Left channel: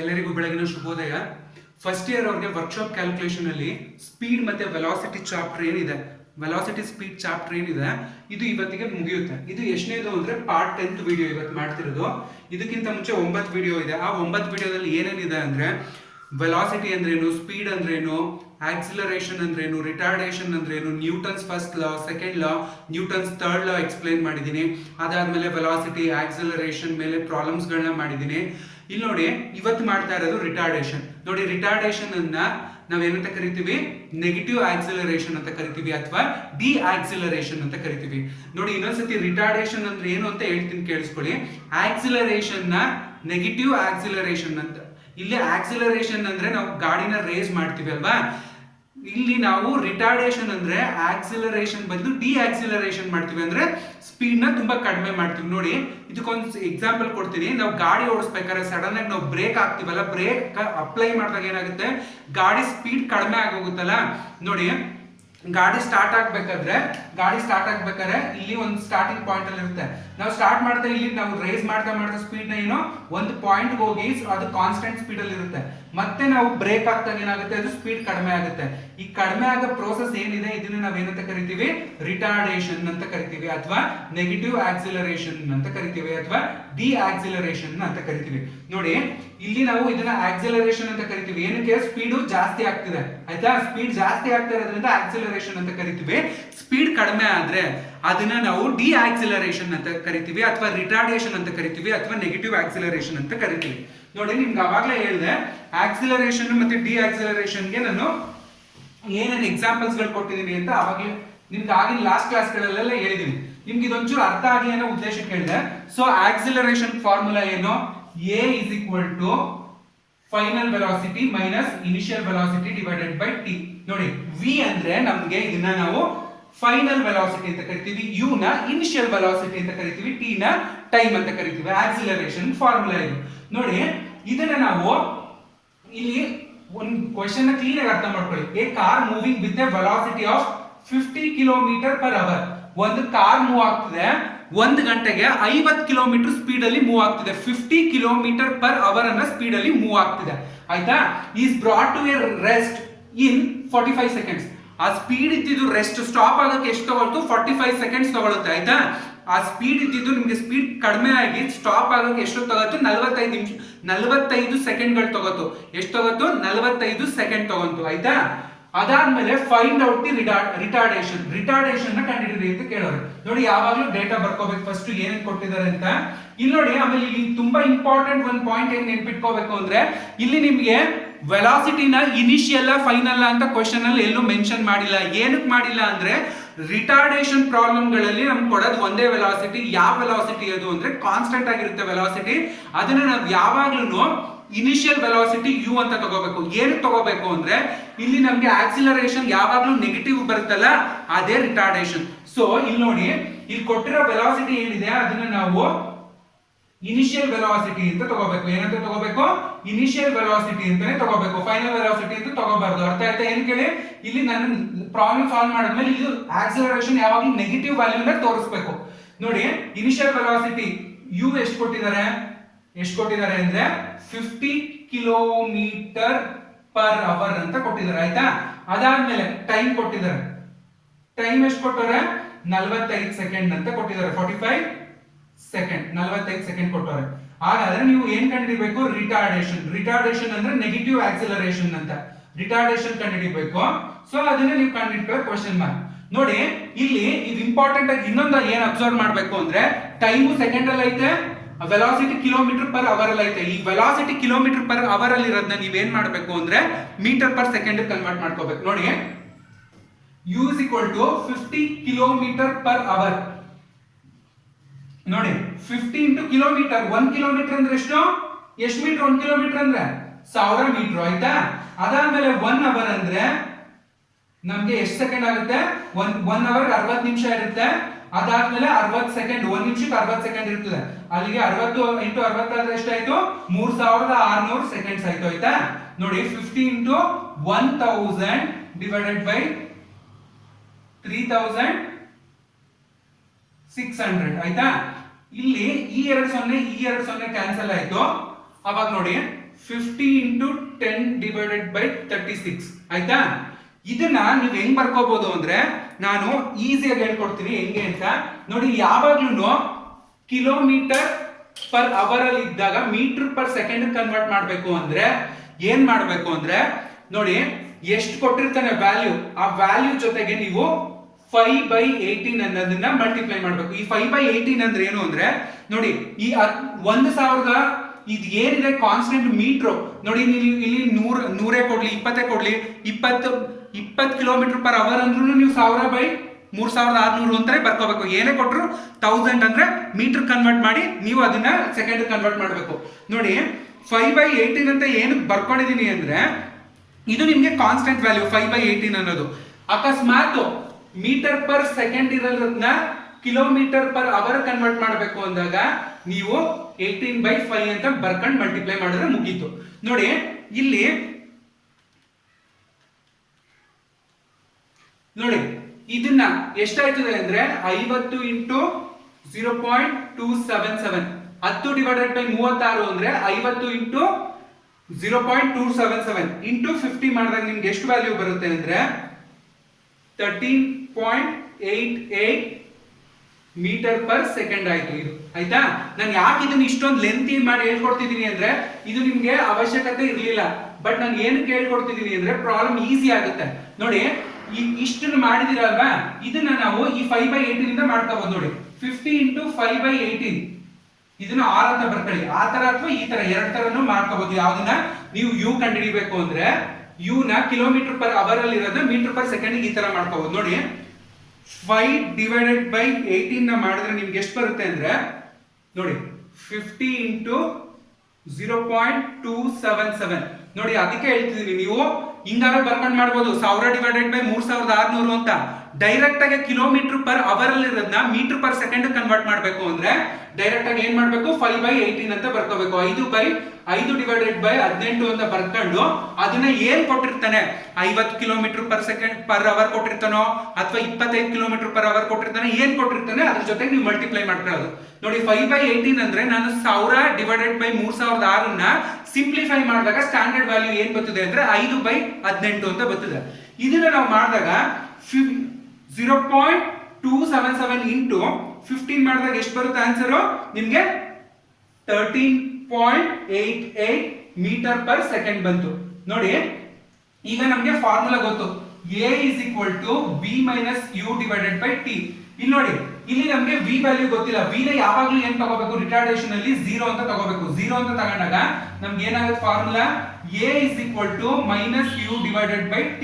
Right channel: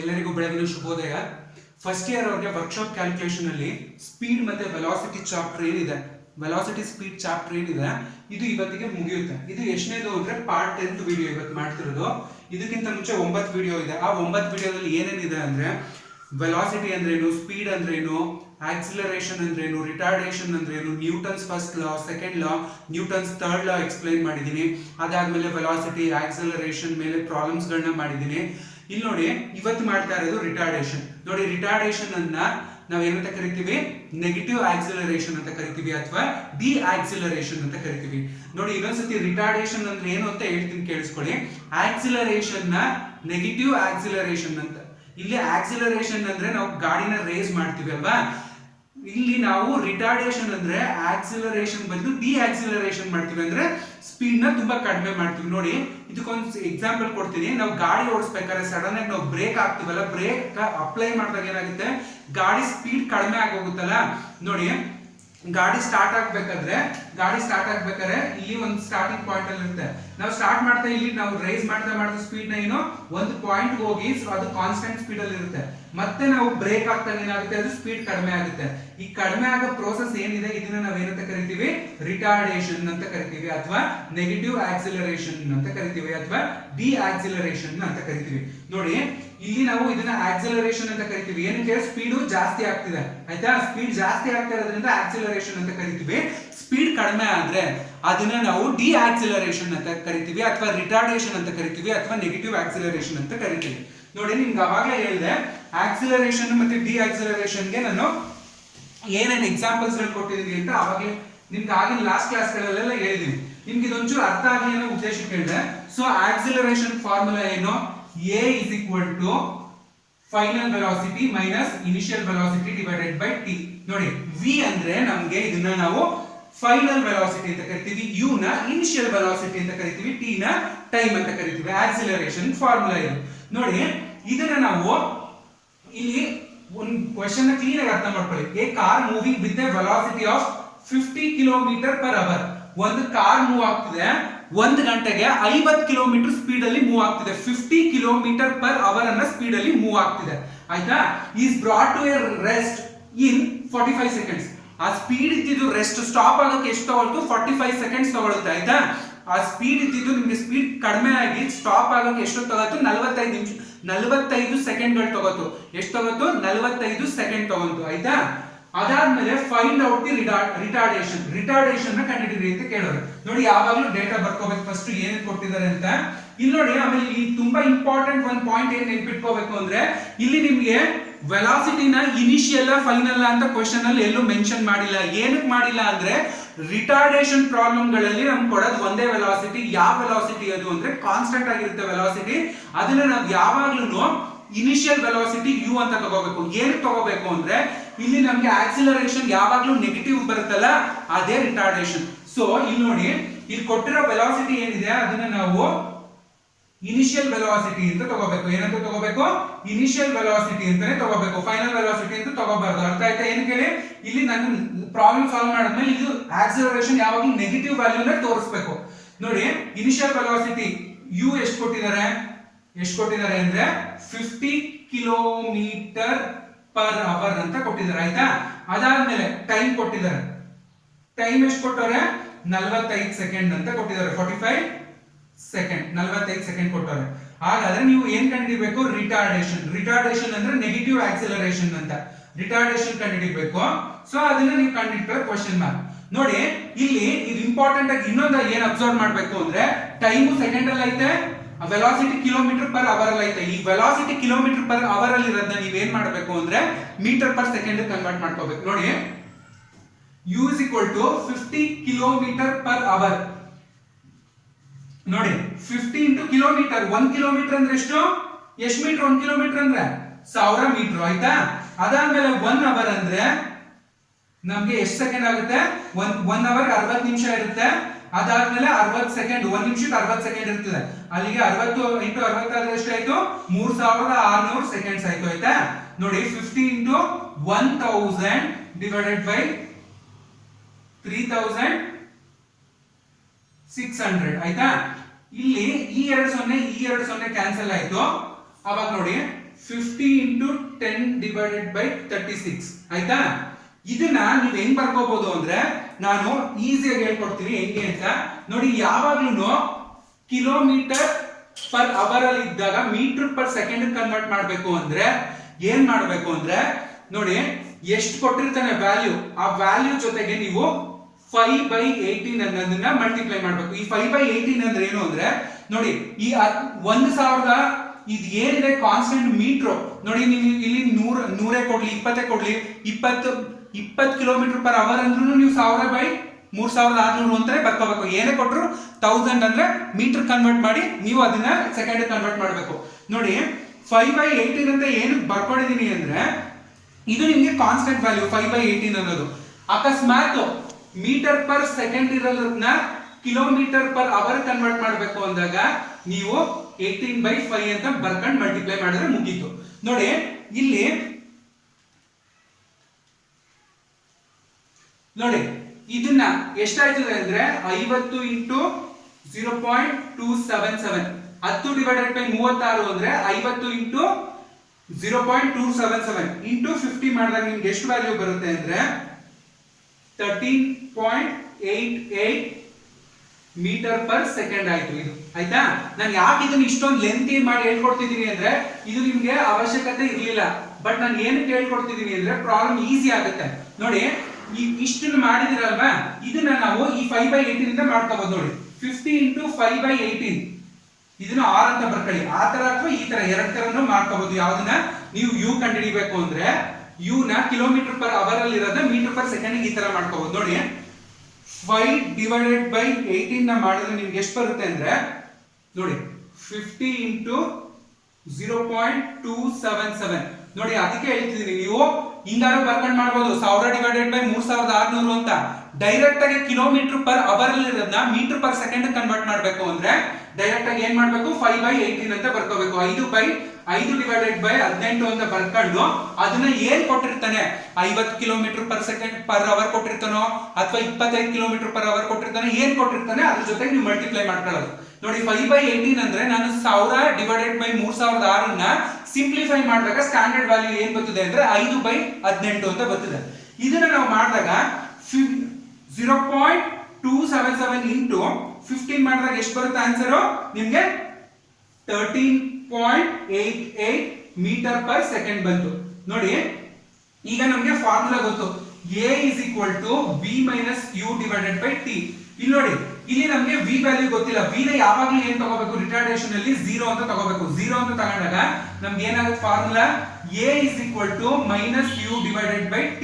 ಎಲ್ಲರಿಗೂ ಬೆಳಗಿನ ಶುಭೋದಯ. ಫಸ್ಟ್ ಇಯರ್ ಅವ್ರಿಗೆ ವರ್ಕ್ಶಾಪ್ ಕ್ಯಾಲ್ಕುಲೇಷನ್ ಅಲ್ಲಿ ಸ್ಪೀಡ್ ಮತ್ತೆ ವೆಲಾಸಿಟಿ ಚಾಪ್ಟರ್ ಏನಿದೆ, ವೆಲಾಸಿಟಿ ಸ್ಪೀಡ್ ಚಾಪ್ಟರ್ ಏನಿದೆ, ಇದು ಇವತ್ತಿಗೆ ಮುಗಿಯುತ್ತೆ. ಇದು ಎಷ್ಟನೇದು ಅಂದ್ರೆ ಪಾರ್ಟ್ 10th ವಿಡಿಯೋ ಇವತ್ತು ಮಾಡ್ತಿರೋದು. ಇದಕ್ಕಿಂತ ಮುಂಚೆ 9 ವಿಡಿಯೋ ಇದೆ. ಆ 9 ವಿಡಿಯೋದಲ್ಲಿ ಏನೇನಿದೆ ಅಂದ್ರೆ ವೆಲಾಸಿಟಿ ಅಂದ್ರೇನು, ಸ್ಪೀಡ್ ಅಂದ್ರೇನು, ಆಕ್ಸಿಲರೇಷನ್ ಅಂದ್ರೇನು, ರಿಟಾರ್ಡೇಷನ್ ಅಂದ್ರೇನು, ನ್ಯೂಟನ್ಸ್ ಫಸ್ಟ್ ಲಾ, ಸೆಕೆಂಡ್ ಲಾ, ನ್ಯೂಟನ್ಸ್ ಥರ್ಡ್ ಲಾ ಎಕ್ಸ್ಪ್ಲೈನ್ ಮಾಡಿದ್ದೀನಿ. ಅದಾದ್ಮೇಲೆ ವೆಲಾಸಿಟಿ ಆಕ್ಸಿಲರೇಷನ್ ಮೇಲೆ ಪ್ರಾಬ್ಲಮ್ಸ್ಗಳನ್ನ ಮಾಡಿದ್ದೀನಿ. ಇಲ್ಲಿ ನೋಡಿ, ಇವತ್ತು ಮಾಡ್ತಾ ಇರೋದು ರಿಟಾರ್ಡೇಷನ್. ನೋಡಿ, ರಿಟಾರ್ಡೇಷನ್ ಅನ್ನ ನಾವೇನಂತ ಕರಿತೀವಿ? ನೆಗೆಟಿವ್ ಆಕ್ಸಿಲರೇಷನ್ ಅಂತ ಕರಿತೀವಿ ಅಥವಾ ಡಿ ಆಕ್ಸಿಲರೇಷನ್ ಅಂತ ಕರಿತೀವಿ. ನೋಡಿ, ಇನ್ನೊಂದ್ಸತಿ ರಿಟಾರ್ಡೇಷನ್ ಅಂದ್ರೆ ಏನು ಅಂತ ಹೇಳ್ತೀನಿ, ಕೇಳಿಸ್ಕೊಳ್ಳಿ. ಆಕ್ಸಿಲರೇಷನ್ ನ ನೆಗೆಟಿವ್ ಆಕ್ಸಿಲರೇಷನ್ ಅಂತ. ಇಲ್ಲಿ ಆಕ್ಸಿಲರೇಷನ್ ಅಂದ್ರೆ ನಾವು ಗಾಡಿನ ರೇಸ್ ಮಾಡ್ತೀವಿ ಅಲ್ವಾ, ಇಲ್ಲಿ ನಾವು ರಿಟಾರ್ಡೇಷನ್ ಅಂದ್ರೆ ಆಕ್ಸಿಲರೇಷನ್ ಬದಲು ಡಿ ಆಕ್ಸಿಲರೇಷನ್ ಮಾಡ್ತೀವಿ, ಅಂದ್ರೆ ಸ್ಪೀಡ್ ನ ತುಂಬಾ ಕಡಿಮೆ ಮಾಡ್ತೀವಿ. ನೋಡಿ, ಇದಕ್ಕೊಂದು ಎಕ್ಸಾಂಪಲ್ ಕೊಡ್ತೀನಿ. ನಾವು ಗಾಡಿ ಓಡಿಸ್ಬೇಕಾದ್ರೆ ಸಡನ್ ಆಗಿ ನಾವು ಬ್ರೇಕ್ ಹಾಕ್ತಿವಲ್ಲ, ಬ್ರೇಕ್ ಅಪ್ಲೈ ಮಾಡಿದಾಗ ಏನಾಗುತ್ತೆ, ಗಾಡಿ ಸ್ಪೀಡ್ ಕಡಿಮೆ ಆಗೋಗುತ್ತಲ್ಲ. ನೋಡಿ, ಗಾಡಿ ಸ್ಟಾರ್ಟ್ ಆಗ್ಬೇಕಾದ್ರೆ ಇಲ್ಲಿ ಒಂದು ಸ್ಟಾರ್ಟಿಂಗ್ ಪಾಯಿಂಟ್ ಅಲ್ಲಿ ಇರುತ್ತೆ. ನಾವು ಸ್ಟಾರ್ಟ್ ಮಾಡ್ತಾ ಇಲ್ಲಿ ನಾವು ರೈಸ್ ಮಾಡ್ತಾ ಸ್ಪೀಡ್ ನ ಏನು ಒಂದು ಪಾಯಿಂಟ್ ಹೋಗಿ ಅದು ಕಾನ್ಸ್ಟೆಂಟ್ ಸ್ಪೀಡ್ ಅಲ್ಲಿ ಇರುತ್ತೆ. ಮತ್ತೆ ನಾವು ಬ್ರೇಕ್ ಆಗ್ತಾಗ ಏನಾಗುತ್ತೆ, ಅದು ಸ್ಪೀಡ್ ಕಡಿಮೆ ಆಗುತ್ತೆ. ಈ ಕಡಿಮೆ ಆಗೋ ಪ್ರೋಸೆಸ್ ಏನಿದೆ, ಇದನ್ನ ನಾವೇನಂತ ಕರಿತೀವಿ? ರಿಟಾರ್ಡೇಷನ್ ಅಂತ ಕರಿತೀವಿ, ಅಥವಾ ನೆಗೆಟಿವ್ ಆಕ್ಸಿಲರೇಷನ್ ಅಂತ ಕರಿತೀವಿ, ಅಥವಾ ಡಿ ಆಕ್ಸಿಲರೇಷನ್ ಅಂತ ಕರಿತೀವಿ. ನೋಡಿ, ಇಲ್ಲಿ ನಾವು ಇದನ್ನ ಆಕ್ಸಿಲರೇಷನ್ ಅಂತ ಕರಿತೀವಿ. ಏನಕ್ಕೆ? ಸ್ಪೀಡು ಜಾಸ್ತಿ ಆಗ್ತಿದೆ, ಆಯ್ತಾ? ಸ್ಪೀಡ್ ಜಾಸ್ತಿ ಆಗ್ತಾ ಇರೋದ್ರಿಂದ ಆಕ್ಸಿಲರೇಷನ್ ಅಂತ ಕರಿತೀವಿ. ಸ್ಪೀಡ್ ಕಡಿಮೆ ಆದ್ರೆ ಅದನ್ನ ನಾವು ಡಿ ಆಕ್ಸಿಲರೇಷನ್ ಅಂತ ಕರಿತೀವಿ, ಅಥವಾ ರಿಟಾರ್ಡೇಷನ್ ಅಂತ ಕರಿತೀವಿ, ಅಥವಾ ನೆಗೆಟಿವ್ ಆಕ್ಸಿಲರೇಷನ್ ಅಂತ ಕರಿತೀವಿ. ನೋಡಿ, ನಿಮ್ಗೆ ಅವಾಗಲೇ ಹೇಳಿದೆ, ಆಕ್ಸಿಲರೇಷನ್ ಮತ್ತೆ ಡಿ ಆಕ್ಸಿಲರೇಷನ್ಗೆ ನಾನು ಏನೇನು ಎಕ್ಸಾಂಪಲ್ಸ್ ಗಳು ಕೊಟ್ಟಿದ್ದೀನಿ ಅಂತ ಅವಾಗಲೇ ನಿಮ್ಗೆ ಆಗಿನ ಲಾಸ್ಟ್ ಕ್ಲಾಸ್ಗಳಲ್ಲೆಲ್ಲ ಹೇಳಿದೀನಿ. ನಿಮ್ಗೆ ಇದೊಂಚೂರು ಅರ್ಥ ಆಗಿ ಏನೋ ಉದ್ದೇಶಕ್ಕೆ ಹೇಳಿದೆ. ಸೊ ಆಕ್ಸಿಲರೇಷನ್ ಫಾರ್ಮುಲಾ ಏನು? A is equal to final velocity minus initial velocity divided by t. ನೋಡಿ, v ಅಂದ್ರೆ ನಮಗೆ ಇದನ್ನ ನಾವು ಫೈನಲ್ ವೆಲಾಸಿಟಿ ಅಂತ ಕರಿತೀವಿ, u ನ ಇನಿಷಿಯಲ್ ವೆಲಾಸಿಟಿ ಅಂತ ಕರಿತೀವಿ, t ನ ಟೈಮ್ ಅಂತ ಕರಿತೀವಿ. ಆಕ್ಸಿಲರೇಷನ್ ಫಾರ್ಮುಲಾ ಇದು. ನೋಡಿ, ಇದನ್ನ ನಾವು ಇಲ್ಲಿ ಒಂದು ಕ್ವೆಶ್ಚನ್ ನ ಕ್ಲೀನ್ ಆಗಿ ಅರ್ಥ ಮಾಡ್ಕೊಳ್ಳಿ. A car moving with A velocity of 50 km/h. ಒಂದು ಕಾರ್ ಮೂವ್ ಆಗ್ತಿದೆ, 1 ಗಂಟೆಗೆ 50 ಕಿಲೋಮೀಟರ್ ಸ್ಪೀಡ್ ಅಲ್ಲಿ ಮೂವ್ ಆಗ್ತಿದೆ. 50 km/h ಅನ್ನ ಸ್ಪೀಡ್ ಅಲ್ಲಿ ಮೂವ್ ಆಗ್ತಿದೆ, ಆಯ್ತಾ? Is brought to a rest in 45 seconds. ಆ ಸ್ಪೀಡ್ ಇದ್ದಿದ್ದು ರೆಸ್ಟ್ ಸ್ಟಾಪ್ ಆಗಕ್ಕೆ ಎಷ್ಟು ತಗೊಳ್ತು? 45 seconds ತಗೊಳುತ್ತೆ, ಆಯ್ತಾ? ಆ ಸ್ಪೀಡ್ ಇದ್ದಿದ್ದು ನಿಮ್ಗೆ ಸ್ಪೀಡ್ ಕಡಿಮೆ ಆಗಿ ಸ್ಟಾಪ್ ಆಗಕ್ಕೆ ಎಷ್ಟು ತಗೋತು? 45 ಸೆಕೆಂಡ್ಗಳು ತಗೋತು. ಎಷ್ಟು ತಗೋತು? 45 ಸೆಕೆಂಡ್ ತಗೊಂತು, ಆಯ್ತಾ? ಅದಾದ್ಮೇಲೆ ಫೈಂಡ್ ಔಟ್ ದಿ ರಿಟಾರ್ಡೇಷನ್ ನ ಕಂಡುಹಿಡಿಯಿರಿ ಅಂತ ಕೇಳೋರು. ನೋಡಿ, ಯಾವಾಗಲೂ ಡೇಟಾ ಬರ್ಕೋಬೇಕು ಫಸ್ಟ್ ಏನೇನು ಕೊಟ್ಟಿದ್ದಾರೆ ಅಂತ. ಇಲ್ಲಿ ನೋಡಿ, ಆಮೇಲೆ ಇಲ್ಲಿ ತುಂಬಾ ಇಂಪಾರ್ಟೆಂಟ್ ಒಂದು ಪಾಯಿಂಟ್ ಏನ್ ನೆನ್ಪಿಟ್ಕೋಬೇಕು ಅಂದ್ರೆ, ಇಲ್ಲಿ ನಿಮ್ಗೆ ವೆಲಾಸಿಟಿನ ಇನಿಷಿಯಲ್ ಫೈನಲ್ ಅಂತ ಕ್ವಶನ್ ಅಲ್ಲಿ ಎಲ್ಲೂ ಮೆನ್ಷನ್ ಮಾಡಿಲ್ಲ. ಏನಕ್ಕೆ ಮಾಡಿಲ್ಲ ಅಂದ್ರೆ, ರಿಟಾರ್ಡೇಷನ್ ಪ್ರಾಬ್ಲಮ್ ಗಳಲ್ಲಿ ನಮ್ಗೆ ಕೊಡೋದು ಒಂದೇ ವೆಲಾಸಿಟಿ. ಯಾವ ವೆಲಾಸಿಟಿ ಅದು ಅಂದ್ರೆ ಕಾನ್ಸ್ಟೆಂಟ್ ಆಗಿರುತ್ತೆ ವೆಲಾಸಿಟಿ. ಅದನ್ನ ನಾವು ಯಾವಾಗ್ಲೂ ಇನಿಷಿಯಲ್ ವೆಲಾಸಿಟಿ u ಅಂತ ತಗೋಬೇಕು. ಏನಕ್ಕೆ ತಗೋಬೇಕು ಅಂದ್ರೆ, ಇಲ್ಲಿ ನಮ್ಗೆ ಆಕ್ಸಿಲರೇಷನ್ ಯಾವಾಗ್ಲೂ ನೆಗೆಟಿವ್ ಬರುತ್ತಲ್ಲ, ಅದೇ ರಿಟಾರ್ಡೇಷನ್. ಸೊ ಇಲ್ಲಿ ನೋಡಿ, ಇಲ್ಲಿ ಕೊಟ್ಟಿರೋ ವೆಲಾಸಿಟಿ ಏನಿದೆ ಅದನ್ನ ನಾವು ಇನಿಷಿಯಲ್ ವೆಲಾಸಿಟಿ ಅಂತ ತಗೋಬೇಕು. ಏನಂತ ತಗೋಬೇಕು? ಇನಿಷಿಯಲ್ ವೆಲಾಸಿಟಿ ಅಂತಾನೆ ತಗೋಬೇಕು, ಫೈನಲ್ ವೆಲಾಸಿಟಿ ಅಂತ ತಗೋಬಾರ್ದು. ಅರ್ಥ ಆಯ್ತಾ? ಏನ್ ಕೇಳಿ, ಇಲ್ಲಿ ನಾನು ಪ್ರಾಬ್ಲಮ್ ಸಾಲ್ವ್ ಮಾಡಿದ್ಮೇಲೆ ಇದು ಆಕ್ಸಿಲರೇಷನ್ ಯಾವಾಗ್ಲೂ ನೆಗೆಟಿವ್ ವ್ಯಾಲ್ಯೂನ ತೋರಿಸ್ಬೇಕು. ನೋಡಿ, ಇನಿಷಿಯಲ್ ವೆಲಾಸಿಟಿ u ಎಷ್ಟು ಕೊಟ್ಟಿದ್ದಾರೆ ಅಂದ್ರೆ 50 km/h ಅಂತ ಕೊಟ್ಟಿದ್ದಾರೆ, ಆಯ್ತಾ? ಅದಾದ್ಮೇಲೆ ಟೈಮ್ ಕೊಟ್ಟಿದ್ದಾರೆ. ಟೈಮ್ ಎಷ್ಟು ಕೊಟ್ಟವ್ರೆ? 45 ಸೆಕೆಂಡ್ ಅಂತ ಕೊಟ್ಟಿದ್ದಾರೆ. 45 ಸೆಕೆಂಡ್ 45 ಸೆಕೆಂಡ್ ಕೊಟ್ಟವ್ರೆ. ಹಾಗಾದ್ರೆ ನೀವು ಏನ್ ಕಂಡುಹಿಡಿಬೇಕು? ರಿಟಾರ್ಡೇಷನ್ ಅಂದ್ರೆ ನೆಗೆಟಿವ್ ಆಕ್ಸಿಲರೇಷನ್ ಅಂತ. ರಿಟಾರ್ಡೇಷನ್ ಕಂಡುಹಿಡಿಬೇಕು. ಸೊ ಅದನ್ನ ನೀವು ಕಂಡುಹಿಡಿದ್ರೆ ಕ್ವಶನ್ ಮಾರ್ಕ್. ನೋಡಿ, ಇಲ್ಲಿ ಇದು ಇಂಪಾರ್ಟೆಂಟ್ ಆಗಿ ಇನ್ನೊಂದು ಏನ್ ಅಬ್ಸರ್ವ್ ಮಾಡ್ಬೇಕು ಅಂದ್ರೆ, ಟೈಮು ಸೆಕೆಂಡ್ ಅಲ್ಲಿ ಐತೆ, ವೆಲಾಸಿಟಿ km/h ಅಲ್ಲಿ ಐತೆ. ಈ ವೆಲಾಸಿಟಿ km/h ಅಲ್ಲಿ ಇರೋದನ್ನ ನೀವೇನ್ ಮಾಡಬೇಕು ಅಂದ್ರೆ m/s ಕನ್ವರ್ಟ್ ಮಾಡ್ಕೋಬೇಕು. ನೋಡಿ, u is equal to 50 km/h. ನೋಡಿ, 50 into ಕಿಲೋಮೀಟರ್. 1 ಕಿಲೋಮೀಟರ್ ಅಂದ್ರೆ ಎಷ್ಟು ಮೀಟರ್? 1 ಕಿಲೋಮೀಟರ್ ಅಂದ್ರೆ 1000 ಮೀಟರ್, ಆಯ್ತಾ? ಅದಾದ್ಮೇಲೆ 1 ಅವರ್ ಅಂದ್ರೆ ನಮ್ಗೆ ಎಷ್ಟು ಸೆಕೆಂಡ್ ಆಗುತ್ತೆ? 1 ಅವರ್ 60 ನಿಮಿಷ ಇರುತ್ತೆ. ಅದಾದ್ಮೇಲೆ 60 ಸೆಕೆಂಡ್, 1 ನಿಮಿಷಕ್ಕೆ 60 ಸೆಕೆಂಡ್ ಇರ್ತದೆ. ಅಲ್ಲಿಗೆ 60 into 60 ಆದ್ರೆ ಎಷ್ಟಾಯ್ತು? 3600 ಸೆಕೆಂಡ್ಸ್ ಆಯ್ತು, ಆಯ್ತಾ? ನೋಡಿ, 50 into 1000 divided by 3600, ಆಯ್ತಾ? ಇಲ್ಲಿ ಈ 2 0 ಕ್ಯಾನ್ಸಲ್ ಆಯ್ತು. ಅವಾಗ ನೋಡಿ, 50 ಇಂಟು 10 ಡಿವೈಡೆಡ್ ಬೈ 36 ಆಯ್ತಾ. ಇದನ್ನ ನೀವು ಹೆಂಗ್ ಬರ್ಕೋಬಹುದು ಅಂದ್ರೆ ನಾನು ಈಸಿಯಾಗಿ ಹೇಳ್ಕೊಡ್ತೀನಿ ಹೆಂಗೆ ಅಂತ ನೋಡಿ. ಯಾವಾಗ್ಲೂ ಕಿಲೋಮೀಟರ್ ಪರ್ ಅವರ್ ಅಲ್ಲಿ ಇದ್ದಾಗ ಮೀಟರ್ ಪರ್ ಸೆಕೆಂಡ್ ಕನ್ವರ್ಟ್ ಮಾಡಬೇಕು ಅಂದ್ರೆ ಏನ್ ಮಾಡಬೇಕು ಅಂದ್ರೆ ನೋಡಿ, ಎಷ್ಟು ಕೊಟ್ಟಿರ್ತಾನೆ ವ್ಯಾಲ್ಯೂ, ಆ ವ್ಯಾಲ್ಯೂ ಜೊತೆಗೆ ನೀವು 5/18 ಅನ್ನೋದನ್ನ ಮಲ್ಟಿಪ್ಲೈ ಮಾಡಬೇಕು. ಈ 5/18 ಅಂದ್ರೆ ಏನು ಅಂದ್ರೆ ನೋಡಿ, ಈ 1000 ಇದು ಏನಿದೆ ಕಾನ್ಸ್ಟೆಂಟ್ ಮೀಟರ್ ನೋಡಿ, ನೀವು ಇಲ್ಲಿ 100 ಕೊಡ್ಲಿ 20 ಕೊಡ್ಲಿ 20 ಕಿಲೋಮೀಟರ್ ಪರ್ ಅವರ್ ಅಂದ್ರೂ ನೀವು 1000/3600 ಅಂತಾನೆ ಬರ್ಕೋಬೇಕು. ಏನೇ ಕೊಟ್ಟರು 1000 ಅಂದ್ರೆ ಮೀಟರ್ ಕನ್ವರ್ಟ್ ಮಾಡಿ ನೀವು ಅದನ್ನ ಸೆಕೆಂಡ್ ಕನ್ವರ್ಟ್ ಮಾಡಬೇಕು. ನೋಡಿ 5/18 ಅಂತ ಏನಕ್ಕೆ ಬರ್ಕೊಂಡಿದೀನಿ ಅಂದ್ರೆ ಇದು ನಿಮ್ಗೆ ಕಾನ್ಸ್ಟೆಂಟ್ ವ್ಯಾಲ್ಯೂ 5/18 ಅನ್ನೋದು. ಅಕಸ್ಮಾತ್ ಮೀಟರ್ ಪರ್ ಸೆಕೆಂಡ್ ಇರೋದನ್ನ ಕಿಲೋಮೀಟರ್ ಪರ್ ಅವರ್ ಕನ್ವರ್ಟ್ ಮಾಡಬೇಕು ಅಂದಾಗ ನೀವು 18/5 ಅಂತ ಬರ್ಕೊಂಡು ಮಲ್ಟಿಪ್ಲೈ ಮಾಡಿದ್ರೆ ಮುಗೀತು. ನೋಡಿ ಇಲ್ಲಿ ನೋಡಿ ಇದನ್ನ ಎಷ್ಟಾಯ್ತದೆ ಅಂದ್ರೆ 50 ಇಂಟು 0.277 10 ಡಿವೈಡೆಡ್ ಬೈ 36 ಅಂದ್ರೆ 50 ಇಂಟು 0.277 ಇಂಟು 50 ಮಾಡಿದಾಗ ನಿಮ್ಗೆ ಎಷ್ಟು ವ್ಯಾಲ್ಯೂ ಬರುತ್ತೆ ಅಂದ್ರೆ 13.88 ಮೀಟರ್ ಪರ್ ಸೆಕೆಂಡ್ ಆಯ್ತು ಇದು. ಆಯ್ತಾ, ನಾನು ಯಾಕೆ ಇದನ್ನ ಇಷ್ಟೊಂದು ಲೆಂತಿ ಮಾಡಿ ಹೇಳ್ಕೊಡ್ತಿದ್ದೀನಿ ಅಂದ್ರೆ ಇದು ನಿಮ್ಗೆ ಅವಶ್ಯಕತೆ ಇರಲಿಲ್ಲ, ಬಟ್ ನಾನು ಏನಕ್ಕೆ ಹೇಳ್ಕೊಡ್ತಿದ್ದೀನಿ ಅಂದ್ರೆ ಪ್ರಾಬ್ಲಮ್ ಈಸಿ ಆಗುತ್ತೆ. ನೋಡಿ ಇಷ್ಟನ್ನು ಮಾಡಿದಿರಲ್ವಾ, ಇದನ್ನ ನಾವು ಈ 5/18 ಇಂದ ಮಾಡ್ಕೋಬಹುದು. ನೋಡಿ 50 ಇಂಟು 5/18 ಇದನ್ನ 6 ಅಂತ ಬರ್ಕೊಳ್ಳಿ. ಆ ತರ ಅಥವಾ ಈ ತರ ಎರಡ್ ತರನು ಮಾಡ್ಕೋಬಹುದು. ಯಾವ್ದನ್ನ ನೀವು ಯು ಕಂಡುಹಿಡಿಬೇಕು ಅಂದ್ರೆ ಯು ನ ಕಿಲೋಮೀಟರ್ ಪರ್ ಅವರ್ ಅಲ್ಲಿ ಇರೋದನ್ನ ಮೀಟರ್ ಪರ್ ಸೆಕೆಂಡ್ ಈ ತರ ಮಾಡ್ಕೋಬಹುದು. ನೋಡಿ 5/18 ನ ಮಾಡಿದ್ರೆ ನಿಮ್ಗೆ ಎಷ್ಟು ಬರುತ್ತೆ ಅಂದ್ರೆ ನೋಡಿ 50 ಇಂಟು 0.277 ನೋಡಿ. ಅದಕ್ಕೆ ಹೇಳ್ತಿದ್ದೀನಿ ನೀವು ಹಿಂಗಾರು ಬರ್ಕೊಂಡು ಮಾಡ್ಬೋದು 1000 ಡಿವೈಡೆಡ್ ಬೈ 3600 ಅಂತ. ಡೈರೆಕ್ಟ್ ಆಗಿ ಕಿಲೋಮೀಟರ್ ಪರ್ ಅವರ್ ಅಲ್ಲಿ ಇರೋದನ್ನ ಮೀಟರ್ ಪರ್ ಸೆಕೆಂಡ್ ಕನ್ವರ್ಟ್ ಮಾಡಬೇಕು ಅಂದ್ರೆ ಡೈರೆಕ್ಟ್ ಆಗಿ ಏನ್ ಮಾಡ್ಬೇಕು 5/18 ಅಂತ ಬರ್ಕೋಬೇಕು. 5/5 ಡಿವೈಡೆಡ್ ಬೈ 18 ಅಂತ ಬರ್ಕೊಂಡು ಅದನ್ನ ಏನ್ ಕೊಟ್ಟಿರ್ತಾನೆ 50 kilometre per second per hour ಕೊಟ್ಟಿರ್ತಾನೋ ಅಥವಾ 25 ಕಿಲೋಮೀಟರ್ ಪರ್ ಅವರ್ ಕೊಟ್ಟಿರ್ತಾನೆ, ಏನ್ ಕೊಟ್ಟಿರ್ತಾನೆ ಅದ್ರ ಜೊತೆ ನೀವು ಮಲ್ಟಿಪ್ಲೈ ಮಾಡ್ಕೊಳ್ಳೋದು. ನೋಡಿ 5/18 ಅಂದ್ರೆ ನಾನು 1000 ಡಿವೈಡೆಡ್ ಬೈ 3006 ನ ಸಿಂಪ್ಲಿಫೈ ಮಾಡಿದಾಗ ಸ್ಟ್ಯಾಂಡರ್ಡ್ ವ್ಯಾಲ್ಯೂ ಏನ್ ಬರ್ತದೆ ಅಂದ್ರೆ 5/18 ಅಂತ ಬರ್ತದೆ. ಇದನ್ನ ನಾವು ಮಾಡಿದಾಗ 0.277 ಇಂಟು 15 ಮಾಡಿದಾಗ ಎಷ್ಟು ಬರುತ್ತೆ ಆನ್ಸರ್ ನಿಮ್ಗೆ 13.88 ಮೀಟರ್ ಪರ್ ಸೆಕೆಂಡ್ ಬಂತು. ನೋಡಿ ಈಗ ನಮ್ಗೆ ಫಾರ್ಮುಲಾ ಗೊತ್ತು, A is equal to V minus U divided by T. ಇಲ್ಲಿ ನೋಡಿ ಇಲ್ಲಿ ನಮ್ಗೆ V ವ್ಯಾಲ್ಯೂ ಗೊತ್ತಿಲ್ಲ. V ನ ಯಾವಾಗಲೂ ಏನ್ ತಗೋಬೇಕು ರಿಟಾರ್ಡೇಷನ್ ಅಲ್ಲಿ 0 ಅಂತ ತಗೋಬೇಕು. 0 ಅಂತ ತಗೊಂಡಾಗ ನಮ್ಗೆ ಏನಾಗುತ್ತೆ formula A is equal to minus U divided by T.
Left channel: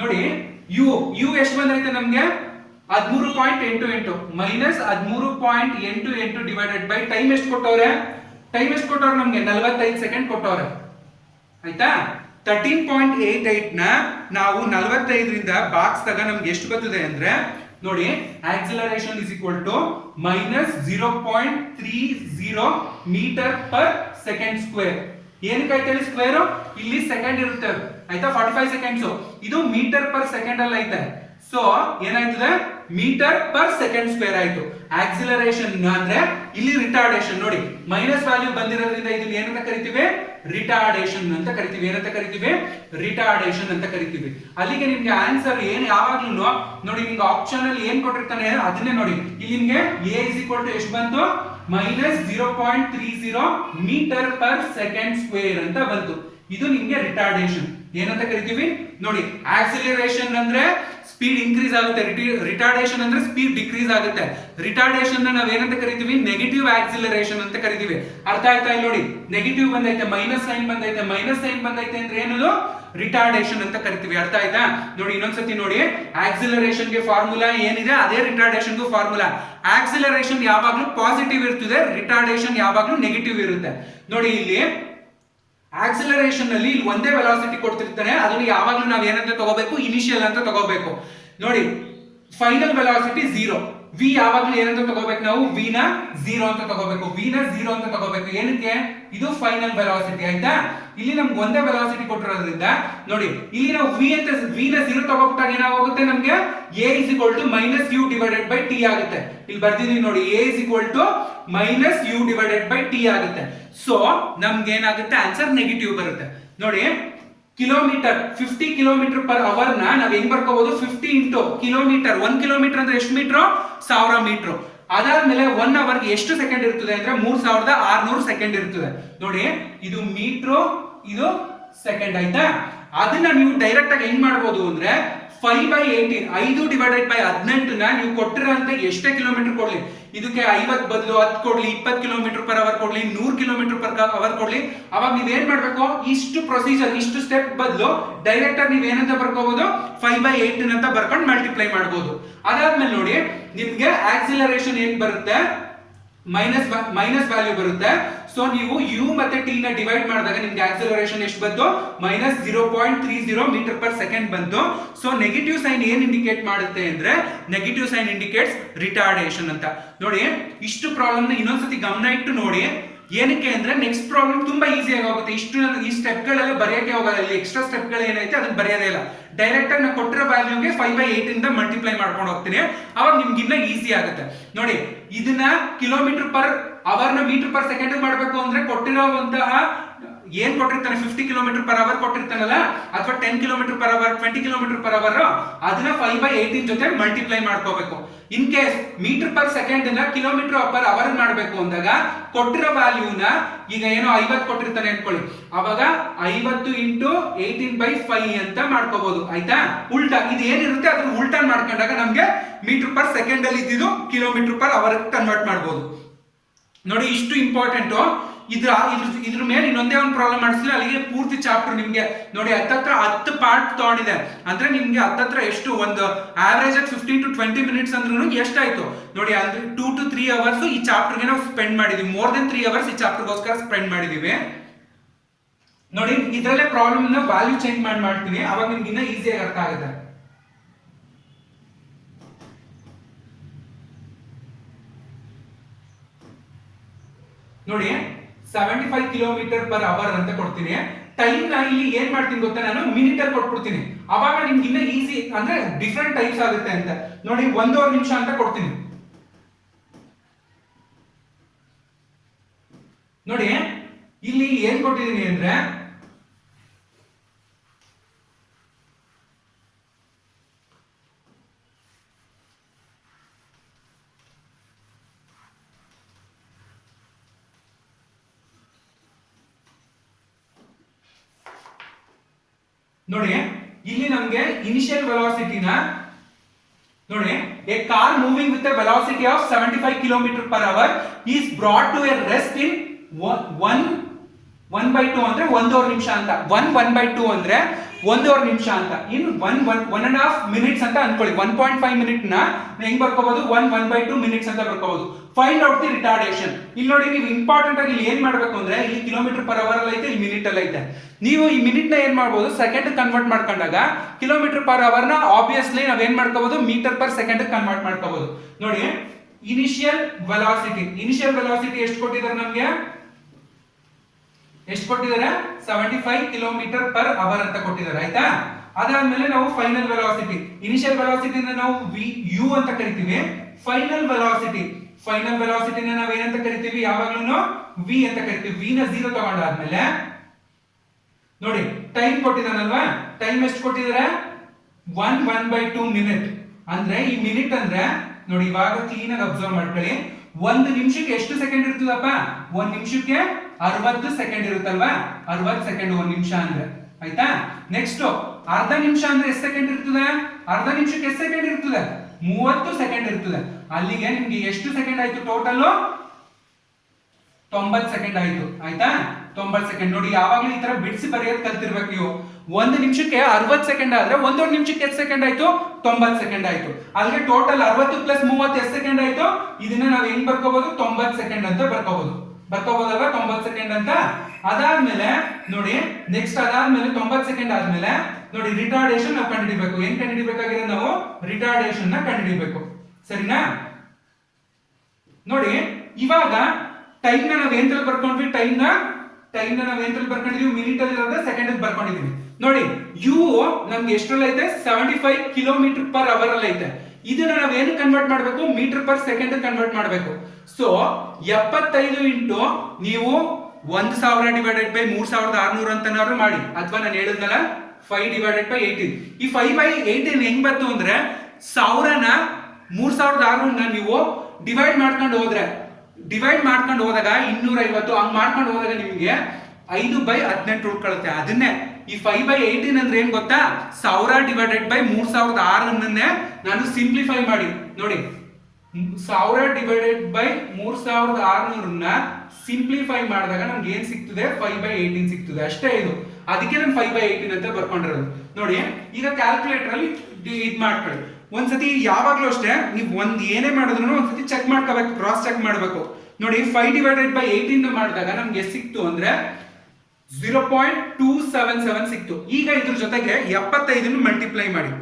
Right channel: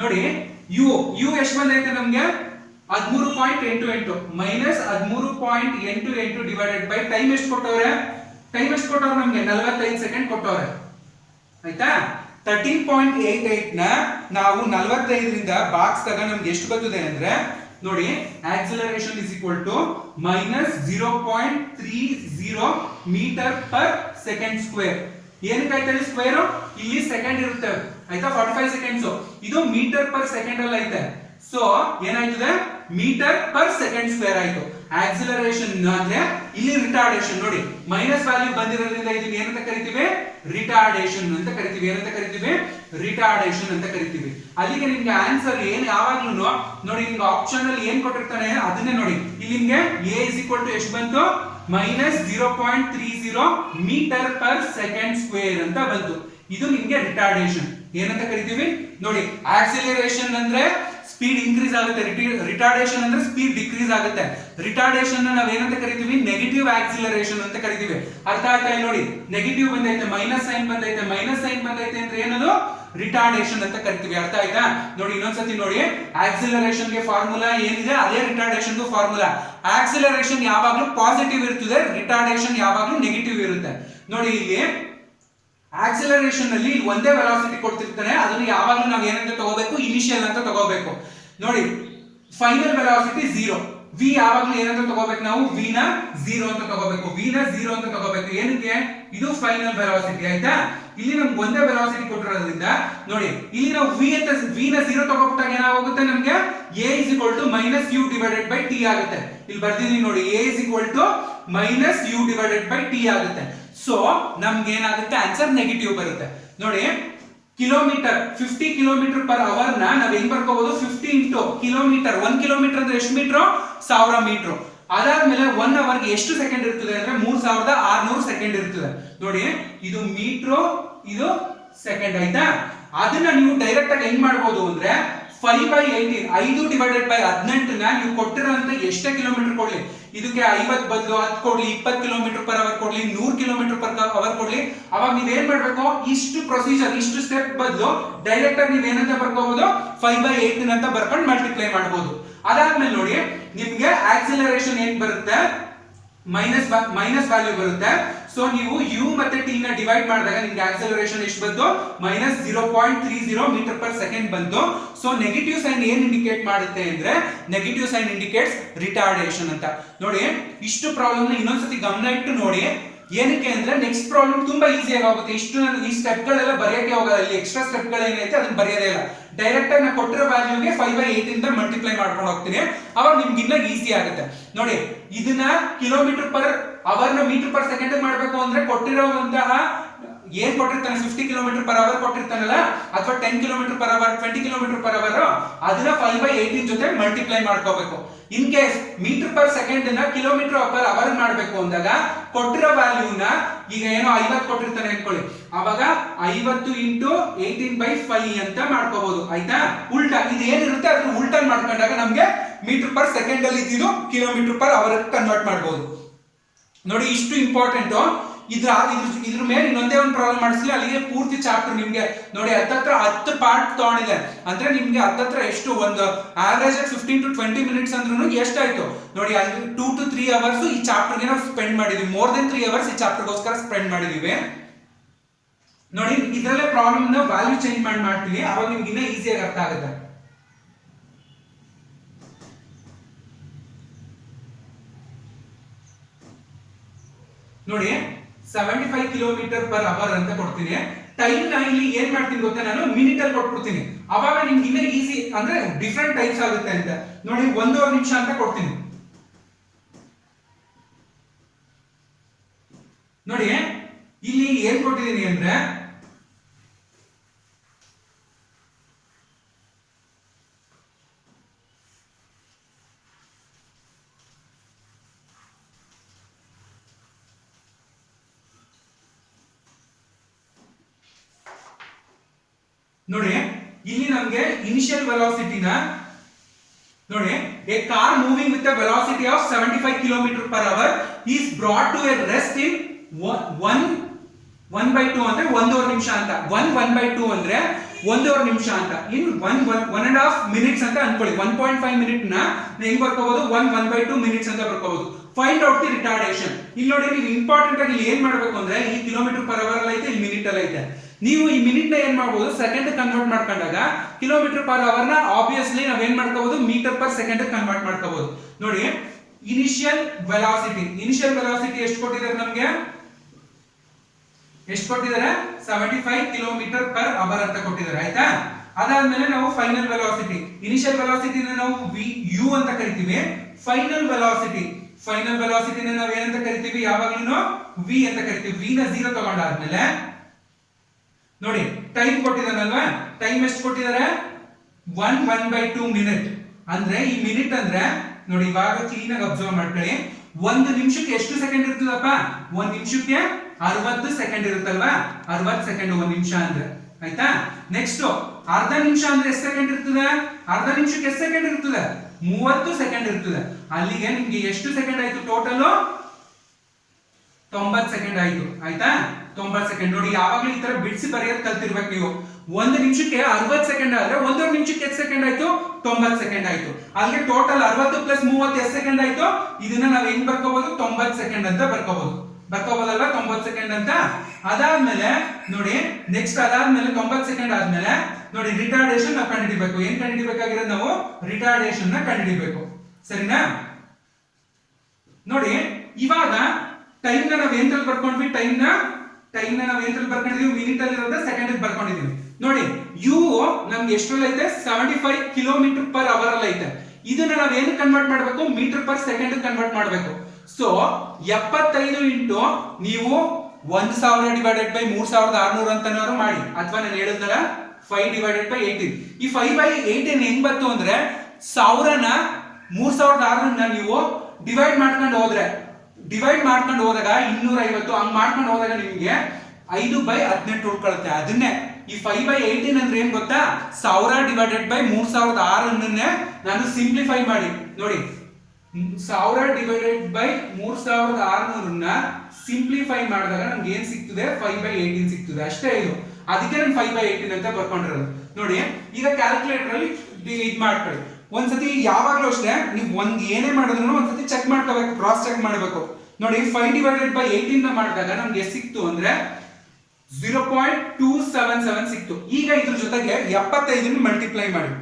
ನೋಡಿ U ಎಷ್ಟು ಬಂದೈತೆ ನಮ್ಗೆ 13.88 ಮೈನಸ್ 13.88 ಡಿವೈಡೆಡ್ ಬೈ ಟೈಮ್ ಎಷ್ಟು ಕೊಟ್ಟವ್ರೆ ನಮ್ಗೆ 45 ಸೆಕೆಂಡ್ ಕೊಟ್ಟವ್ರೆ. ಆಯ್ತಾ, 13.88 ನ ನಾವು 45 ರಿಂದ ಬಾಕ್ಸ್ ತಗ ನಮ್ಗೆ ಎಷ್ಟು ಬರ್ತದೆ ಅಂದ್ರೆ ನೋಡಿ acceleration is equal to minus 0.30 metre per second square. ಏನಕ್ಕೆ ಆಯ್ತು ಸ್ಕ್ವೇರ್, ಇಲ್ಲಿ ಸೆಕೆಂಡ್ ಇರುತ್ತೆ ಆಯ್ತಾ 45 ಸೆಕೆಂಡ್ಸ್, ಇದು ಮೀಟರ್ ಪರ್ ಸೆಕೆಂಡ್ ಅಲ್ಲಿ ಐತೆ. ಸೊ ಏನಾಯ್ತದೆ ಮೀಟರ್ ಪರ್ ಸೆಕೆಂಡ್ ಸ್ಕ್ವೇರ್ ಆಯ್ತು. ಆಕ್ಸಿಲರೇಷನ್ ಅಂದ್ರೆ ಇಲ್ಲಿ ರಿಟಾರ್ಡೇಷನ್ ನೋಡಿ ಮೈನಸ್ ವ್ಯಾಲ್ಯೂ ಬಂದಿರೋದ್ರಿಂದ ಇದನ್ನ ಏನಂತ ಕರಿತೀವಿ ರಿಟಾರ್ಡೇಷನ್ ಅಂತ ಕರಿತೀವಿ. ಏನಂತ ಕರಿತೀವಿ ರಿಟಾರ್ಡೇಷನ್ ಅಂತ ಕರಿತೀವಿ. ಅಲ್ಲಿಗೆ ನಿಮ್ಗೆ ಆನ್ಸರ್ ಏನ್ ಯಾವಾಗ್ಲೂ ನೋಡಿ ನಿಮ್ಗೆ ಆಪ್ಷನ್ ಅಲ್ಲಿ ಏನ್ ಕೊಟ್ಟಿರ್ತಾನೆ ಅದನ್ನೇ ನೋಡಿ. ಇಲ್ಲಿ ನಿಮ್ಗೆ A is equal to ಎಷ್ಟು ಬಂತು minus 0.30 metre per second square ಅಂತ ಬಂತು. ಇದು ನಿಮ್ಗೆ ರಿಟಾರ್ಡೇಷನ್ ಏನಂತ ಕರಿತೀವಿ ನೋಡಿ. ಆಕ್ಸಿಲರೇಷನ್ ಅಂದ್ರೆ ಸ್ಪೀಡ್ ಇನ್ಕ್ರೀಸ್ ಆಗುತ್ತೆ, ರಿಟಾರ್ಡೇಷನ್ ಅಂದ್ರೆ ಸ್ಪೀಡ್ ಡಿಕ್ರೀಸ್ ಆಗುತ್ತೆ. ರಿಟಾರ್ಡೇಷನ್ ನಾವ್ ಏನಂತ ಕರಿತೀವಿ ನೆಗೆಟಿವ್ ಆಕ್ಸಿಲರೇಷನ್ ಅಂತ ಕರಿತೀವಿ. ಅರ್ಥ ಆಯ್ತಾ ಇಲ್ಲಿ ನೋಡಿ ನೆಗೆಟಿವ್ ಬಂದೈತೆ ಮೈನಸ್ ಸೈನ್ ಬಂದೈತೆ ಅಂದ್ರೆ ಏನದು ರಿಟಾರ್ಡೇಷನ್ ಅಂತ ಕರಿತೀವಿ. ಅರ್ಥ ಆಯ್ತಾ ನೋಡಿ ಇನ್ನೊಂದ್ಸತಿ ನೋಡಿ ಆಕ್ಸಿಲರೇಷನ್ ಗೆ ಫಾರ್ಮುಲಾ ಏನಿದೆ ಅದೇ ರಿಟಾರ್ಡೇಷನ್ ಗೂ ಫಾರ್ಮುಲಾ. ಆಕ್ಸಿಲರೇಷನ್ ಯಾವಾಗ್ಲೂ ಪಾಸಿಟಿವ್ ಇರ್ತದೆ, ರಿಟಾರ್ಡೇಷನ್ ಯಾವಾಗ್ಲೂ ನೆಗೆಟಿವ್ ಇರುತ್ತೆ. ನೋಡಿ ಇಲ್ಲಿ ಆಕ್ಸಿಲರೇಷನ್ ಅಲ್ಲಿ ಇಲ್ಲಿ ಒಂದೇ ವೆಲಾಸಿಟಿ ಕೊಡ್ತಿರ್ತಾನೆ, ಅದನ್ನ ಯಾವಾಗ್ಲೂ ನಾವು ಏನಂತ ತಗೋಬೇಕು ಇನಿಷಿಯಲ್ ಅಂತ ತಗೋಬೇಕು. ನೋಡಿ ಫೈನಲ್ ವೆಲಾಸಿಟಿ 0, ವಿ ಯಾವಾಗ್ಲೂ ಏನಂತ ತಗೋಬೇಕು ನಾವು ವಿ ನ 0 ಅಂತ ತಗೋಬೇಕು. ಏನಕ್ಕೆ ಇದು ಫೈನಲ್ ವೆಲಾಸಿಟಿ ಆಯ್ತಾ. ಇಲ್ಲಿ ನಮ್ಗೆ ಒಂದೇ ವೆಲಾಸಿಟಿ ಕೊಟ್ಟಿರೋದ್ರಿಂದ ನೋಡಿ ಇಲ್ಲಿ ನಾವು ವಿ ನ 0 ತಗೋಬಿಟ್ಟಾಗ ಏನಾಗುತ್ತೆ ನಮ್ಗೆ a is equal to minus u divided by t ಆಗುತ್ತೆ. ಇಲ್ಲಿ ಬರ್ದಿದೀನಿ ನೋಡಿ, a is equal to minus u divided by t ಆಗುತ್ತೆ. ಸೊ ನಮ್ಗೆ ಏನಾಗುತ್ತೆ, ಆನ್ಸರ್ ನೆಗೆಟಿವ್ ಬರುತ್ತೆ ನೋಡಿ. ಕಿಲೋಮೀಟರ್ 50 ಕಿಲೋಮೀಟರ್ ಪರ್ ಅವರ್ ನ ನಾವ್ ಹೆಂಗ್ ಬರ್ಕೋಬಹುದು, 50 ಇಂಟು ಕಿಲೋಮೀಟರ್. 1 ಕಿಲೋಮೀಟರ್ ಅಂದ್ರೆ ಎಷ್ಟು ಮೀಟರ್, 1000 ಮೀಟರ್. ಅದಾದ್ಮೇಲೆ 1 ಅವರ್ಗೆ ಎಷ್ಟು ಸೆಕೆಂಡ್ ಇರ್ತದೆ ಅಂದ್ರೆ 3600 ಸೆಕೆಂಡ್ ಇರ್ತದೆ ನೋಡಿ. ಇದು ಮೀಟರ್, ಇದು ಸೆಕೆಂಡ್ ಆಯ್ತಾ. ಅದನ್ನ ನೀವು ಡೈರೆಕ್ಟ್ ಆಗಿ ಹೆಂಗ್ ಮಾಡ್ಬೋದು ಅಂದ್ರೆ 5/18 5 ಡಿವೈಡೆಡ್ ಬೈ 18ನ ನೀವು ಕೊಟ್ಟಿರೋಂತ ಎಷ್ಟೇ ಕಿಲೋಮೀಟರ್ ಕೊಡ್ಲಿ, ಇದಕ್ಕೆ 50 ಬದಲು 10 ಕೊಡ್ಲಿ, 20 ಕಿಲೋಮೀಟರ್ ಪರ್ ಅವರ್ ಕೊಡ್ಲಿ, 100 ಕಿಲೋಮೀಟರ್ ಪರ್ ಅವರ್ ಕೊಡ್ಲಿ, ಅವಾಗ ನೀವೇನ್ ಮಾಡ್ಬೇಕು, ಇಷ್ಟು ಪ್ರೊಸೀಜರ್, ಇಷ್ಟು ಸ್ಟೆಪ್ ಬದಲು ಡೈರೆಕ್ಟ್ ಆಗಿ ನೀವೇನಂತ ಬರ್ಕೋಬಹುದು, 5/18 ಅಂತ ಬರ್ಕೊಂಡು ಮಲ್ಟಿಪ್ಲೈ ಮಾಡಬಹುದು. ಅದಾದ್ಮೇಲೆ ನೋಡಿ ನಿಮ್ಗೆ ಆಕ್ಸಿಲರೇಷನ್ ಏನ್ ಬರುತ್ತೆ, ಮೈನಸ್ ವ್ಯಾಲ್ಯೂ ಬರುತ್ತೆ. ಸೊ ನೀವು u ಮತ್ತೆ t ನ ಡಿವೈಡ್ ಮಾಡಿದಾಗ ನಿಮ್ಗೆ ಆಕ್ಸಿಲರೇಷನ್ ಎಷ್ಟು ಬಂತು, -0.30 ಮೀಟರ್ ಪರ್ ಸೆಕೆಂಡ್ ಬಂತು. ಸೊ ನೆಗೆಟಿವ್ ಸೈನ್ ಏನ್ ಇಂಡಿಕೇಟ್ ಮಾಡುತ್ತೆ ಅಂದ್ರೆ, ನೆಗೆಟಿವ್ ಸೈನ್ ಇಂಡಿಕೇಟ್ಸ್ ರಿಟಾರ್ಡೇಷನ್ ಅಂತ ನೋಡಿ. ಇಷ್ಟು ಪ್ರಾಬ್ಲಮ್ ನ ಇನ್ನೊಂದ್ಸತಿ ಗಮನ ಇಟ್ಟು ನೋಡಿ. ಏನಕ್ಕೆ ಅಂದ್ರೆ ನೆಕ್ಸ್ಟ್ ಪ್ರಾಬ್ಲಮ್ ತುಂಬಾ ಈಸಿ ಆಗಿ ಹೋಗುತ್ತೆ. ಈ ಸ್ಟೆಪ್ ಗಳೆಲ್ಲ ಬರೆಯಕ್ಕೆ ಹೋಗಲ್ಲ, ಇಲ್ಲಿ ಎಕ್ಸ್ಟ್ರಾ ಸ್ಟೆಪ್ ಗಳು ಏನೈತೆ ಅದನ್ನ ಬರೆಯೋದೇ ಇಲ್ಲ. ಡೈರೆಕ್ಟ್ ಆಗಿ ನಾನು ಕೊಟ್ಟಿರೋ ವ್ಯಾಲ್ಯೂಗೆ 5/8 ಇಂದ ಮಲ್ಟಿಪ್ಲೈ ಮಾಡ್ಕೊಂಡು ಹೋಗ್ತೀನಿ, ಅವಾಗ ನಿಮ್ಗೆ ಇನ್ನ ಈಸಿ ಆಗುತ್ತೆ ನೋಡಿ. ಇದನ್ನ ಕಿಲೋಮೀಟರ್ ಪರ್ ಅವರ್ ನ ಮೀಟರ್ ಪರ್ ಸೆಕೆಂಡ್ ಮಾಡಬೇಕು ಅಂದ್ರೆ ಕೊಟ್ಟಿರುವಂತಹ ಏನ್ ಕೊಟ್ಟಿರ್ತಾನೆ 50 ಕಿಲೋಮೀಟರ್ ಪರ್ ಅವರ್ ಕೊಟ್ಟಿರ್ತಾನಲ್ಲ, ಅಥವಾ 10 kilometer per hour, 20 kilometer per hour, ಅದನ್ನ 5/18 ಜೊತೆ ಮಲ್ಟಿಪ್ಲೈ ಮಾಡ್ಕೋಬೇಕು. In case meter per second ನ ಕಿಲೋಮೀಟರ್ ಪರ್ ಅವರ್ ಮಾಡಬೇಕು ಅಂದಾಗ ಕೊಟ್ಟಿರೋ ವ್ಯಾಲ್ಯೂನ, ಈಗ ಏನೋ 50 ಕೊಟ್ಟಿರ್ತಾನೆ ಅನ್ಕೊಳ್ಳಿ, ಅವಾಗ 50 ಇಂಟು 18/5 ಅಂತ ಮಾಡ್ಕೋಬಹುದು ಆಯ್ತಾ. ಉಲ್ಟಾ ಇದು ಏನಿರುತ್ತೆ ಅದ್ರ ಉಲ್ಟಾ ಮಾಡ್ಕೊಂಡಾಗ ನಮ್ಗೆ ಮೀಟರ್ ಪರ್ ಸೆಕೆಂಡ್ ಅಲ್ಲಿ ಇದ್ದಿದ್ದು ಕಿಲೋಮೀಟರ್ ಪರ್ ಅವರ್ ಕನ್ವರ್ಟ್ ಮಾಡಬಹುದು ನೋಡಿ. ಇಷ್ಟು ಇಂಪಾರ್ಟೆಂಟ್. ಇದ್ರ ಮೇಲೆ ಇನ್ನೊಂದೇ ಒಂದು ಪ್ರಾಬ್ಲಮ್ ಮಾಡಿಸ್ಲಿ, ಅಲ್ಲಿಗೆ ಪೂರ್ತಿ ಚಾಪ್ಟರ್ ನಿಮ್ಗೆ ನೋಡಿ 10 ಪಾರ್ಟ್ ತಗೊಂಡಿದೆ. ಅಂದ್ರೆ ನಿಮ್ಗೆ 10 ಎಷ್ಟು, ಒಂದು ಆವರೇಜ್ ಆಗಿ 15 to 20 ಮಿನಿಟ್ಸ್ ಅಂದ್ರೂ ಎಷ್ಟಾಯ್ತು ನೋಡಿ. ಅಲ್ಲಿ 2 to 3 ಅವರ್ಸ್ ಈ ಚಾಪ್ಟರ್ಗೆ ನಾವು ಸ್ಪೆಂಡ್ ಮಾಡಿದೀವಿ. ಮೋರ್ ದೆನ್ 3 ಅವರ್ಸ್ ಈ ಚಾಪ್ಟರ್ಗೋಸ್ಕರ ಸ್ಪೆಂಡ್ ಮಾಡಿದೀವಿ ನೋಡಿ. ಇದರಲ್ಲೇ ಪ್ರಾಬ್ಲಮ್ ನ ವ್ಯಾಲ್ಯೂ ಚೇಂಜ್ ಮಾಡ್ತೀವಿ, ಅವಾಗ ನಿಮ್ಗೆ ಇನ್ನ ಈಸಿಯಾಗಿ ಅರ್ಥ ಆಗುತ್ತೆ ನೋಡಿ. 75 ಕಿಲೋಮೀಟರ್ ಪರ್ ಅವರ್ ಅಂತ ಕೊಡ್ತೀನಿ. ಟೈಮ್ ನ ಇಲ್ಲಿ ಏನ್ ಮಾಡ್ತೀನಿ ಗೊತ್ತಾ, ನಾನು ಮಿನಿಟ್ ಅಲ್ಲಿ ಕೊಟ್ಬಿಡ್ತೀನಿ, ಅವಾಗ ನಿಮ್ಗೆ ಇನ್ನ ಈಸಿ, ಅಂದ್ರೆ ಡಿಫ್ರೆಂಟ್ ಟೈಪ್ಸ್ ಆಗುತ್ತೆ ಅಂತ ನೋಡಿ. 1.5 ನಿಮಿಷ ಅಂತ ಕೊಡ್ತೀನಿ ನೋಡಿ. ಇಲ್ಲಿ ಏನ್ ಕೊಟ್ಟಿದ್ದೀನಿ ಅಂದ್ರೆ ನೋಡಿ, ಇಲ್ಲಿ ನಮಗೆ ಇನಿಷಿಯಲ್ ವೆಲಾಸಿಟಿನ ನೋಡಿ, a car moving with a velocity of 75 km per hour is brought to a rest in 1/2 ಅಂದ್ರೆ 1.5 ನಿಮಿಷ ಅಂತ. 1/2 ಅಂದ್ರೆ 1.5 ನಿಮಿಷ ಅಂತ. ಇನ್ 1.5 ಮಿನಿಟ್ಸ್ ಅಂತ ಅನ್ಕೊಳ್ಳಿ. 1.5 ಮಿನಿಟ್ ನ ಹೆಂಗ್ ಬರ್ಕೋಬಹುದು, 1/2 ಮಿನಿಟ್ಸ್ ಅಂತ ಬರ್ಕೋಬಹುದು. Find out the retardation. ಇಲ್ಲಿ ನೋಡಿ, ನೀವು ಇಂಪಾರ್ಟೆಂಟ್ ಆಗಿ ಇಲ್ಲಿ ಏನ್ ಮಾಡ್ಬೇಕು ಅಂದ್ರೆ, ಈ ಕಿಲೋಮೀಟರ್ ಪರ್ ಅವರ್ ಅಲ್ಲಿ ಐತೆ, ಇಲ್ಲಿ ಮಿನಿಟ್ ಅಲ್ಲಿ ಐತೆ. ನೀವು ಈ ಮಿನಿಟ್ ನ ಏನ್ ಮಾಡಬಹುದು, ಸೆಕೆಂಡ್ ಕನ್ವರ್ಟ್ ಮಾಡ್ಕೊಂಡಾಗ ಕಿಲೋಮೀಟರ್ ಪರ್ ಅವರ್ ನ ಆಬ್ವಿಯಸ್ಲಿ ನಾವ್ ಏನ್ ಮಾಡ್ಕೋಬಹುದು, ಮೀಟರ್ ಪರ್ ಸೆಕೆಂಡ್ ಕನ್ವರ್ಟ್ ಮಾಡ್ಕೋಬಹುದು ನೋಡಿ. ಇನಿಷಿಯಲ್ ವೆಲಾಸಿಟಿ ಎಷ್ಟು ಕೊಟ್ಟಿದ್ದಾರೆ ನಮ್ಗೆ, ಎಷ್ಟು ಕೊಟ್ಟಿದ್ದಾರೆ, 75 ಕಿಲೋಮೀಟರ್ ಪರ್ ಅವರ್ ಅಂತ ಕೊಟ್ಟಿದ್ದಾರೆ ಆಯ್ತಾ. ಅದಾದ್ಮೇಲೆ ನಾವು ಫೈನಲ್ ವೆಲಾಸಿಟಿ, ಇನಿಷಿಯಲ್ ವೆಲಾಸಿಟಿ ನಾವು u ಅಂತ ಕರಿತೀವಿ. ಫೈನಲ್ ವೆಲಾಸಿಟಿನ ನಾವು ಏನಂತ ಕರಿತೀವಿ, ಯಾವಾಗ್ಲೂ v ಅಂತ ಕರಿತೀವಿ. v ನ 0 ತಗೊಂಡಾದ್ಮೇಲೆ ನೋಡಿ ಟೈಮ್ ಕೊಟ್ಟಿದ್ದಾನಲ್ವಾ, ಟೈಮ್ ಎಷ್ಟು ಕೊಟ್ಟಿದ್ದಾರೆ, 1/2 ಮಿನಿಟ್. ಅಂದ್ರೆ ಈ ಮಿನಿಟ್ ಅಂದ್ರೆ ನೋಡಿ, ಇವಾಗ ಕ್ಲೀನ್ ಆಗಿ ಅಬ್ಸರ್ವ್ ಮಾಡ್ಕೊಳ್ಳಿ. 1 ನಿಮಿಷಕ್ಕೆ ಎಷ್ಟು ಸೆಕೆಂಡ್ ಇರ್ತದಪ್ಪ, 1 ನಿಮಿಷಕ್ಕೆ 60 ಸೆಕೆಂಡ್ ಇರುತ್ತಲ್ವಾ, 60 ಸೆಕೆಂಡ್ 1 ನಿಮಿಷ ಅಂದ್ರೆ ಆಯ್ತಾ. ನೆಕ್ಸ್ಟ್ ಅರ್ಧ ನಿಮಿಷ ಅಂದ್ರೆ ಎಷ್ಟು ಸೆಕೆಂಡ್ ಇರ್ತದೆ, ಅರ್ಧ ನಿಮಿಷಕ್ಕೆ ಎಷ್ಟು ಸೆಕೆಂಡ್ ಇರ್ತದೆ, 30 ಸೆಕೆಂಡ್ ಇರ್ತದೆ. ಅಲ್ಲಿಗೆ ನಿಮ್ಗೆ ಎಷ್ಟು ಸೆಕೆಂಡ್ ಆಯ್ತು, ಟೋಟಲ್ 90 ಸೆಕೆಂಡ್ ಆಯ್ತು ಆಯ್ತಾ. 90 ಸೆಕೆಂಡ್ ನೋಡಿ, ಯಾವಾಗಲೂ ಈ ತರ ಬಿಡಿಸಿ ಬರೆಯೋದು ಕಲ್ತಿರ್ಬೇಕು ನೀವು. 1 ನಿಮಿಷಕ್ಕೆ 60 ಸೆಕೆಂಡ್ ಆದ್ರೆ 1.5 ನಿಮಿಷಕ್ಕೆ ಎಷ್ಟು ಸೆಕೆಂಡ್ ಆಯ್ತು, 90 ಸೆಕೆಂಡ್ ಆಯ್ತು. ಅಲ್ಲಿಗೆ ಟೋಟಲ್ 60 + 30 ಎಷ್ಟು ಸೆಕೆಂಡ್ ಆಯ್ತು, ಇದನ್ನ ನಾವು ಹೆಂಗ್ ಬರ್ಕೋಬಹುದು, 90 ಸೆಕೆಂಡ್ ಅಂತ ಬರ್ಕೋಬಹುದಲ್ವಾ, 90 ಸೆಕೆಂಡ್ ಅಂತ. ಅದಾದ್ಮೇಲೆ ನೋಡಿ, ನೆಕ್ಸ್ಟ್ ಅದಾದ್ಮೇಲೆ 90 ಸೆಕೆಂಡ್ ಆದ್ಮೇಲೆ ನೋಡಿ, ರಿಟಾರ್ಡೇಷನ್ ನಾವು ಕಂಡುಹಿಡಿಬೇಕು. ಏನ್ ಕಂಡುಹಿಡಿಬೇಕಾಗಿರೋದು, ನಾವು ರಿಟಾರ್ಡೇಷನ್ ನ ಕಂಡುಹಿಡಿಬೇಕು, ಸರಿನಾ. ನೋಡಿ ಇವಾಗ ಟೈಮ್ ನ ನಾವು ಎಂತಲ್ಲಿ ಬರ್ಕೊಂಡ್ವಿ, ಟೈಮ್ ನ ನಾವು ಎಂತಲ್ಲಿ ಬರ್ಕೊಂಡಿದೀವಿ, ಮಿನಿಟ್ ಅಲ್ಲಿ ಇರೋದ್ರೆ ಸೆಕೆಂಡ್ ಬರ್ಕೊಂಡಿದೀವಿ. ನೋಡಿ ಯು ನಮ್ಗೆ ಎಷ್ಟ್ರಲ್ಲಿ ಐತೆ 75 ಕಿಲೋಮೀಟರ್ ಪರ್ ಅವರ್ ಅಲ್ಲಿ ಐತೆ. ಇದನ್ನ ನಾವ್ ಏನು ಕನ್ವರ್ಟ್ ಮಾಡಬೇಕು, ಮೀಟರ್ ಪರ್ ಸೆಕೆಂಡ್ ಕನ್ವರ್ಟ್ ಮಾಡಬೇಕು. ಸೊ 75 ಇಂಟು ನೀವು 1000 ಡಿವೈಡೆಡ್ ಬೈ 3600 ಅಂತನಾದ್ರು ಮಾಡಿ, ಅಥವಾ ನಾನು ಹೇಳಿದ್ನಲ್ಲ 5 ಡಿವೈಡೆಡ್ ಬೈ 18. ಈ 5/18 ಹೆಂಗ್ ಬಂತು ಅಂದ್ರೆ 1000ನ 3600ನ ನೀವು ಡಿವೈಡ್ ಮಾಡ್ಕೊಂಡು ಹೋದಾಗ 250 ಹಂಗ್ ಮಾಡ್ಕೊಂಡು ಹೋದಾಗ ನಿಮ್ಗೆ 5/18 ಉಳ್ಕೊಳ್ಳುತ್ತೆ. ಅದನ್ನೇ ಈ 5/18 ಅಂದ್ರೆ ಏನ್ ಗೊತ್ತಾ, 1000 ಡಿವೈಡೆಡ್ ಬೈ 3600 ನಾನು ಸಿಂಪ್ಲಿಫೈ ಮಾಡಿ ನೋಡಿ, 1000 ಡಿವೈಡೆಡ್ ಬೈ 3600 ಸಿಂಪ್ಲಿಫೈ ಮಾಡಿದಾಗ ನಮ್ಗೆ ಏನ್ ಸಿಗ್ತದೆ, 5/18 ಸಿಗ್ತದೆ ಅಷ್ಟೇ. ಇದು ಅದಕ್ಕೆ ನಾನು 5/18 ಅಂತ ಬರ್ಕೊಂಡಿರೋದು. ನೋಡಿ ಈಗ ಕ್ಯಾಲ್ಕುಲೇಟರ್ ಅಲ್ಲಿ ಇದ್ ಮಾಡ್ಕೊಳ್ಳಿ. ಒಂದ್ಸತಿ ಯಾವಾಗ್ಲೂ ಅಷ್ಟೇ ನೀವು ಏನೇ ಮಾಡಿದ್ರು ಒಂದ್ಸತಿ ಚೆಕ್ ಮಾಡ್ಕೋಬೇಕು, ಕ್ರಾಸ್ ಚೆಕ್ ಮಾಡ್ಬೇಕು. ನೋಡಿ 5 ಡಿವೈಡೆಡ್ ಬೈ 18 ಮಾಡಿದಾಗ ನಮ್ಗೆ ಎಷ್ಟು ಸಿಕ್ತು ಅಂದ್ರೆ 0.277 ಸಿಕ್ತು. ಈಗ ಇದ್ರ ಜೊತೆಗೆ 75 ಮಲ್ಟಿಪ್ಲೈ ಮಾಡಿ.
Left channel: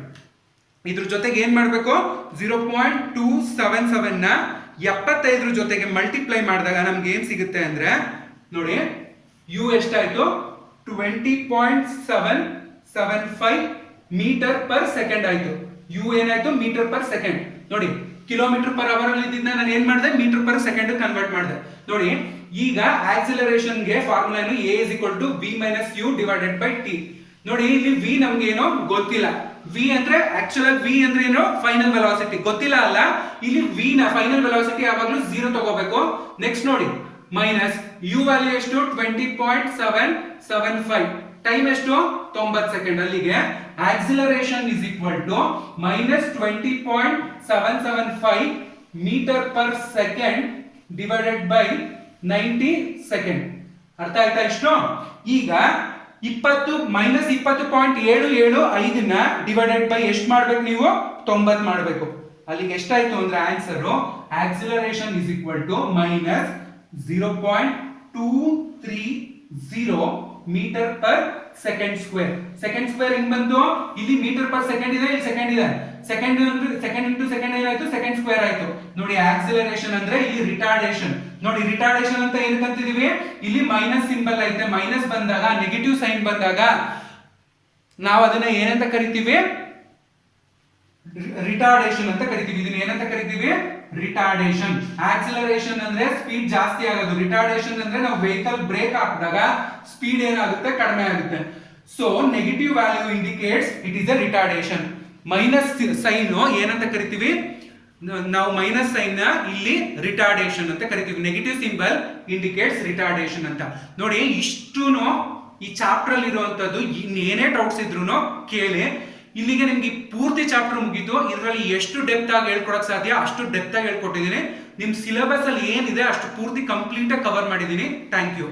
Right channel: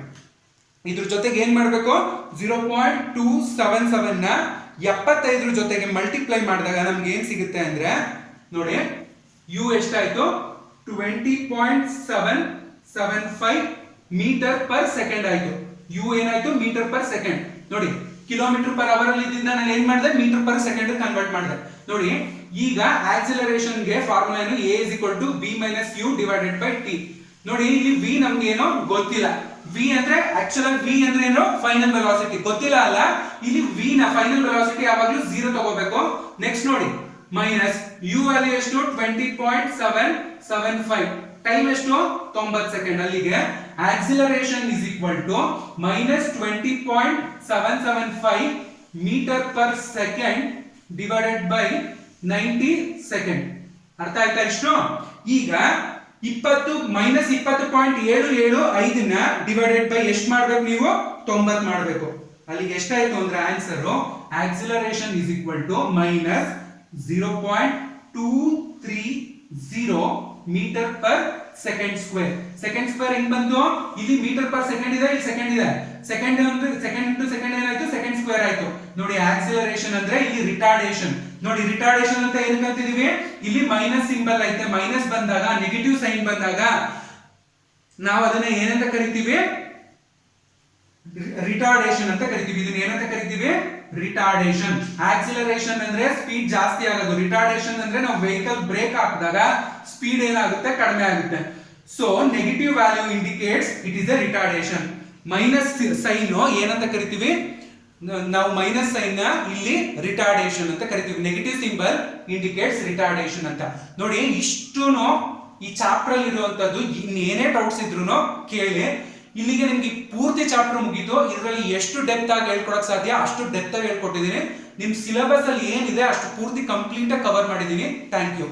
ಇದ್ರ ಜೊತೆಗೆ ಏನ್ ಮಾಡ್ಬೇಕು, 0.277 ನ 75 ಜೊತೆಗೆ ಮಲ್ಟಿಪ್ಲೈ ಮಾಡಿದಾಗ ನಮ್ಗೆ ಏನ್ ಸಿಗುತ್ತೆ ಅಂದ್ರೆ ನೋಡಿ ಯು ಎಷ್ಟಾಯ್ತು, 20.775 ಮೀಟರ್ ಪರ್ ಸೆಕೆಂಡ್ ಆಯ್ತು. ಯು ಏನಾಯ್ತು, ಮೀಟರ್ ಪರ್ ಸೆಕೆಂಡ್. ನೋಡಿ ಕಿಲೋಮೀಟರ್ ಪರ್ ಅವರ್ ಅಲ್ಲಿ ಇದ್ದಿದ್ದ ನಾನು ಏನ್ ಮಾಡಿದೆ, ಮೀಟರ್ ಪರ್ ಸೆಕೆಂಡ್ ಕನ್ವರ್ಟ್ ಮಾಡಿದೆ. ನೋಡಿ ಈಗ ಆಕ್ಸಿಲರೇಷನ್ ಗೆ ಫಾರ್ಮುಲಾ ಏನು, a = v - u divided by t. ನೋಡಿ ಇಲ್ಲಿ v ನಮ್ಗೆ ಏನೋ ಗೊತ್ತಿಲ್ಲ. v ಅಂದ್ರೆ ಆಕ್ಚುಯಲ್ v ಅಂದ್ರೆ ಏನು, ಫೈನಲ್ ವೆಲಾಸಿಟಿ ಗೊತ್ತಿಲ್ಲ ಅಲ್ಲ. ಇಲ್ಲಿ v ನ ಫೈನಲ್ ವೆಲಾಸಿಟಿ ಯಾವಾಗಲೂ 0 ತಗೋಬೇಕು. ನೆಕ್ಸ್ಟ್ ನೋಡಿ ಮೈನಸ್ u ವ್ಯಾಲ್ಯೂ ಎಷ್ಟು, 20.775. ಟೈಮ್ ಎಷ್ಟು, 90 ಸೆಕೆಂಡ್. ಅಲ್ಲಿಗೆ acceleration = -20.775 meter per second divided by 90 second. ಅರ್ಥ ಆಯ್ತಾ ಇಷ್ಟು? ಈಗ 20 ನ ಡಿವೈಡೆಡ್ ಬೈ ಎಷ್ಟು ಮಾಡ್ಬೇಕು ನೀವು, 90 ಮಾಡಬೇಕು. ಅಲ್ಲಿಗೆ ಎಷ್ಟಾಯ್ತು ಅಂದ್ರೆ answer acceleration = -0.230 meter per second square. Second square ಹೆಂಗ್ ಬಂತು, ಇಲ್ಲಿ ಮೀಟರ್ ಪರ್ ಸೆಕೆಂಡ್ ಇದೆ, ಇಲ್ಲಿ ಸೆಕೆಂಡ್ ಇದೆ. ಸೆಕೆಂಡ್ ಇಂಟು ಸೆಕೆಂಡ್ ಏನಾಯ್ತು, ಸೆಕೆಂಡ್ ಸ್ಕ್ವೇರ್ ಆಯ್ತು. ನೋಡಿ ಆಕ್ಸಿಲರೇಷನ್ ಅಂದ್ರೆ ಇಲ್ಲಿ ರಿಟಾರ್ಡೇಷನ್. ನೋಡಿ ರಿಟಾರ್ಡೇಷನ್ ಅಂತ ಏನಕ್ಕೆ ಅಂತಿದೀವಿ, ಇಲ್ಲಿ ಮೈನಸ್ ಸಿಂಬಲ್ ಐತೆ. ಮೈನಸ್ ಬಂದಾಗ, ನೆಗೆಟಿವ್ ಸೈನ್ ಬಂದಾಗ ನಾವು ಅದನ್ನ ಏನಂತ ಕರಿತೀವಿ, ರಿಟಾರ್ಡೇಷನ್ ಅಂತ ಕರಿತೀವಿ. ಇದನ್ನ ಏನಂತ ಕರಿತೀವಿ, ರಿಟಾರ್ಡೇಷನ್. ಆಕ್ಸಿಲರೇಷನ್ ಅಂದ್ರೆ ಸ್ಪೀಡ್ ಜಾಸ್ತಿ ಆಗೋದು. ರಿಟಾರ್ಡೇಷನ್ ಅಂದ್ರೆ ನಾವು ವೆಹಿಕಲ್ ಬ್ರೇಕ್ ಹಾಕಿದಾಗ ಸ್ಪೀಡ್ ಏನಾಗುತ್ತೆ, ಕಡಿಮೆ ಆಗುತ್ತೆ. So negative value indicates it is a retardation. Minus sign ಏನಂತ ಕರಿತೀವಿ ನಾವು, ಮೈನಸ್ ಸೈನ್ ನ ಇಲ್ಲಿ ರಿಟಾರ್ಡೇಷನ್ ಅಂತ ಕರಿತೀವಿ. ನೆಗೆಟಿವ್ ಸಿಂಬಲ್ ಇಂಡಿಕೇಟ್ಸ್ ರಿಟಾರ್ಡೇಷನ್ ಅಂತ. ನೋಡಿ ಇಷ್ಟೂನು ಈ ಚಾಪ್ಟರ್ ಅಲ್ಲಿ ಇರುವಂತದ್ದು. ಏನೇ ಡೌಟ್ಸ್ ಇದ್ರು ಕೇಳಿ. ಇಲ್ಲಿಗೆ ನಿಮ್ಗೆ ಪೂರ್ತಿ ಚಾಪ್ಟರ್ ಮುಗೀತು. ಇದರಲ್ಲಿ ಎಷ್ಟು ಡೆಪ್ತ್ ಆಗಿ ಹೇಳ್ಕೊಡಕ್ ಸಾಧ್ಯ ಅಷ್ಟು ಡೆಪ್ತ್ ಆಗಿ ಹೇಳ್ಕೊಟ್ಟಿದ್ದೀನಿ. ನಿಮ್ ಸಿಲೆಬಸ್ ಅಲ್ಲಿ ಏನಿದೆ ಅಷ್ಟು ಪೂರ್ತಿ ಕಂಪ್ಲೀಟ್ ಆಗಿ ಕವರ್ ಮಾಡಿದ್ದೀನಿ. Thank you.